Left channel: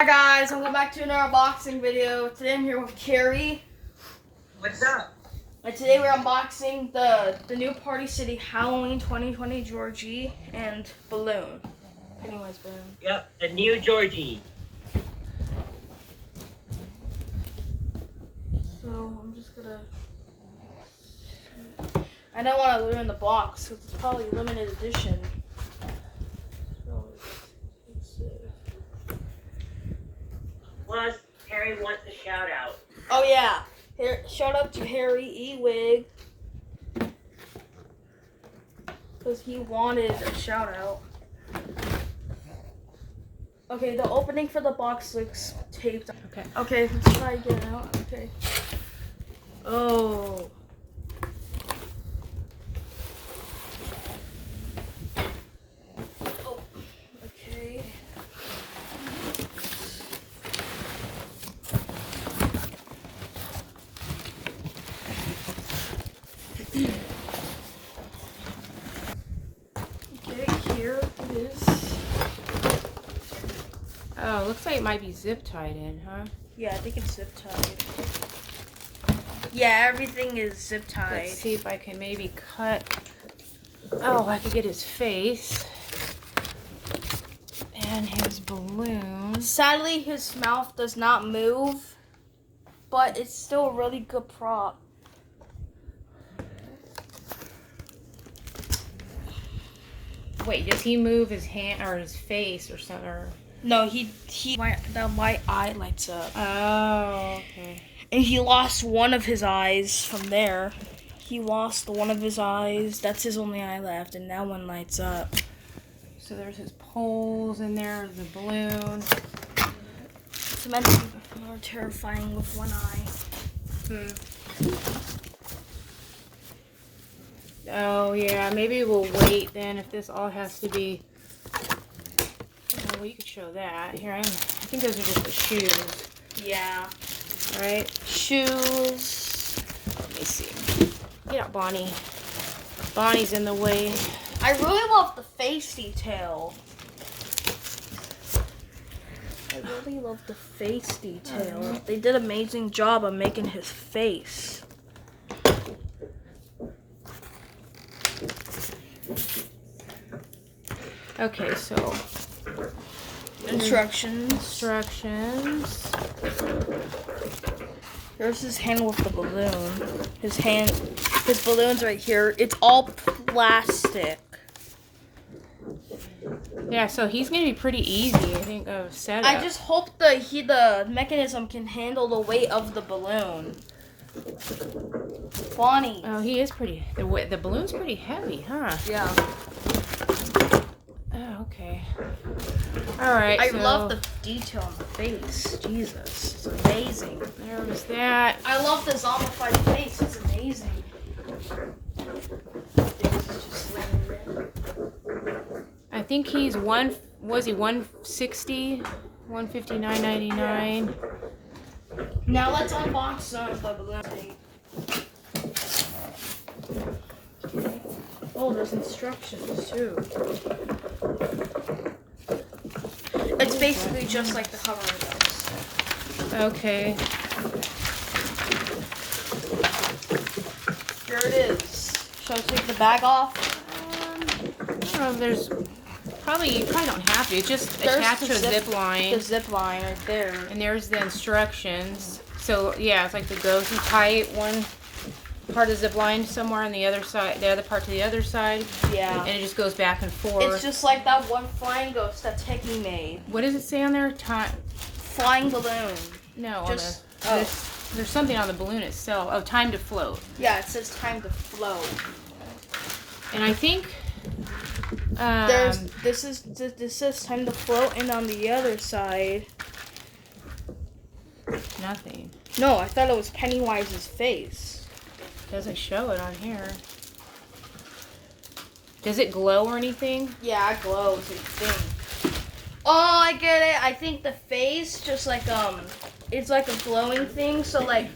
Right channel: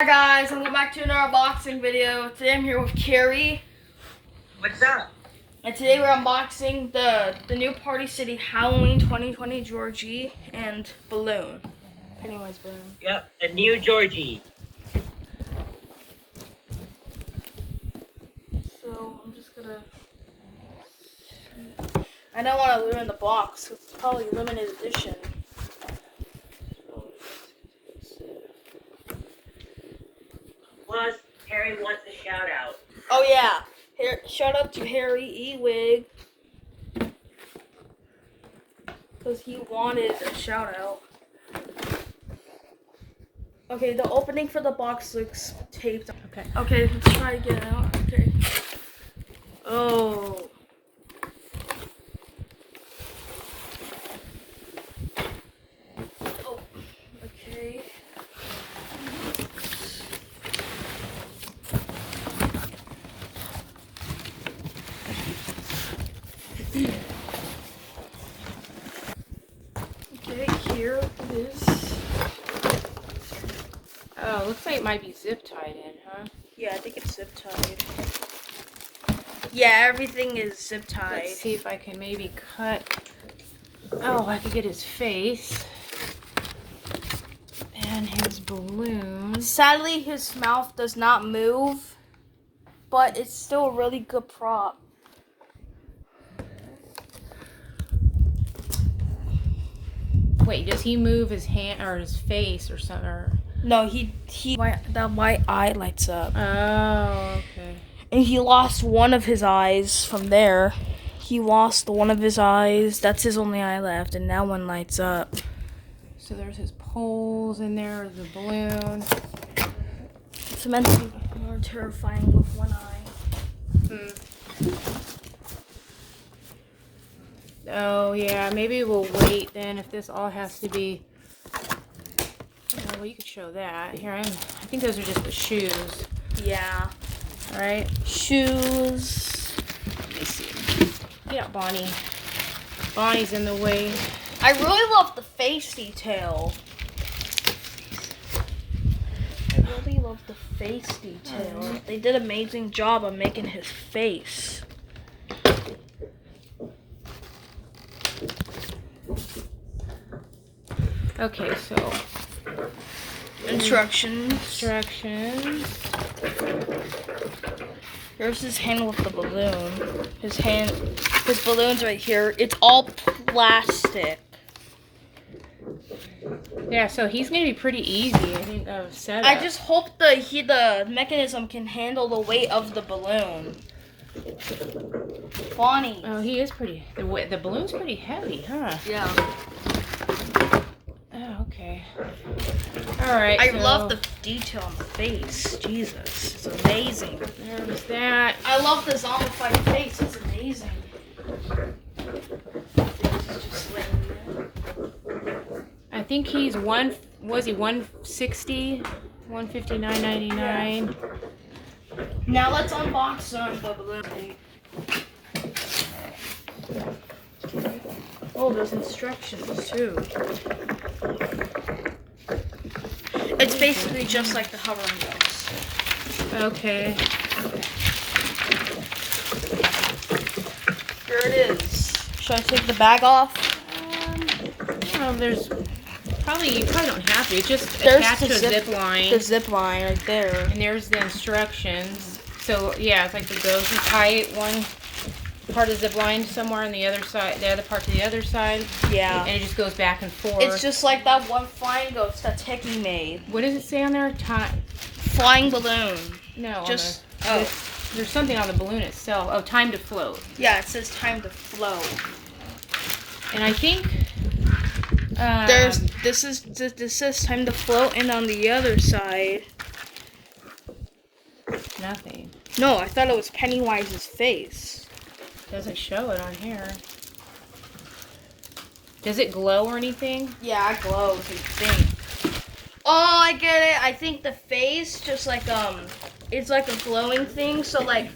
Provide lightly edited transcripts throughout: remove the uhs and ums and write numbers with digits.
Hi guys, welcome back to another unboxing video. Today I'm here with Carrie. What's up? And today we're unboxing the new Party City Halloween 2020 Georgie and balloon. Pennywise balloon. Yep, the new Georgie. So I'm just gonna... I don't want to ruin the box because it's probably limited edition. So Plus, Harry wants a shout out. oh yeah, here, shout out to Harry Ewig because he wanted a shout out. Okay, the opening for the box looks taped. Okay, let's try again out. Okay. Oh. Oh. Okay. Okay, here it is. Oh, looks like it might be zip tied in, huh? Yeah, I think it's zip tied. Yeah, everything is zip tied. Let's see if I can maybe cut. Oh, I could get his face and his balloons. Sadly, his mouth does not move, but it's still a really good prop. Wait, does he move his hand or his face or something? Or... No, that white eye lights up. Oh, okay. And he lost one of his eyes from there. He lost one of his eyes. That's his only eye left, and that one lights up. So there's his poles in there, the balloon. It's meant to be more terrifying with one eye. Oh, yeah, maybe we'll wait then if this all has to be... Oh, well, you could show that. Here, I think those are just the shoes. Yeah. Right? Shoes. Let me see. Get out, Bonnie. Bonnie's in the way. I really love the face detail. I really love the face detail. They did an amazing job of making his face. Okay, so Instructions. Here's his hand with the balloon. His balloon's right here. It's all plastic. Yeah, so he's gonna be pretty easy, I think, of setup. I just hope the mechanism can handle the weight of the balloon. Bonnie. Oh, he is pretty. The balloon's pretty heavy, huh? Yeah. Oh, okay. All right. I so love the detail on the face. Jesus, it's amazing. there was that. I love the zombified face. It's amazing. I think he's was he 160, 159.99. Now let's unbox the balloon. Oh, there's instructions too. It's basically just like the hovering ghost. Okay. Here it is. Should I take the bag off? There's you probably don't have to. It's just There's attached the to a zip line. The zip line right there. And there's the instructions. So yeah, it's like the ghost. You tie it one part of the zip line somewhere on the other side, the other part to the other side. Yeah. And it just goes back and forth. It's just like that one flying ghost that Techie made. What does it say on there? Flying balloon. No, Just there's something on the balloon itself. Oh, time to float. yeah, it says time to float. And I think this says time to float, and on the other side. nothing. No, I thought it was Pennywise's face. Doesn't show it on here. Does it glow or anything? Yeah, it glows, I think. Oh, I get it. I think the face just like it's like a glowing thing. So like,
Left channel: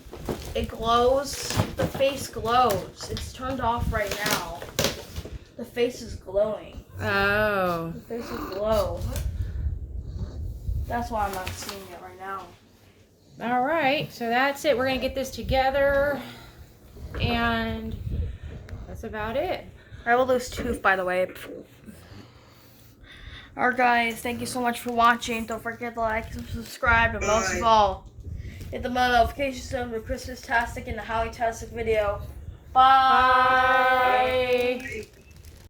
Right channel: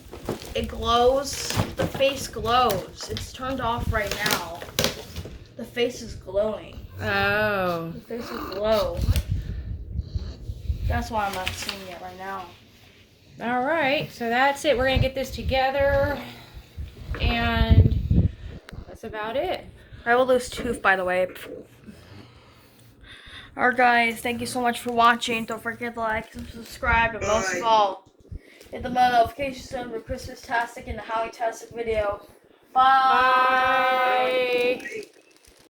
it glows. The face glows. It's turned off right now. The face is glowing. Oh. The face will glow. That's why I'm not seeing it right now. All right, so that's it. We're gonna get this together, and that's about it. I have a loose tooth, by the way. Alright, guys, thank you so much for watching. Don't forget to like and subscribe, and most of all, hit the bell notification so for Christmas-tastic and the Holly-tastic video. Bye. Bye.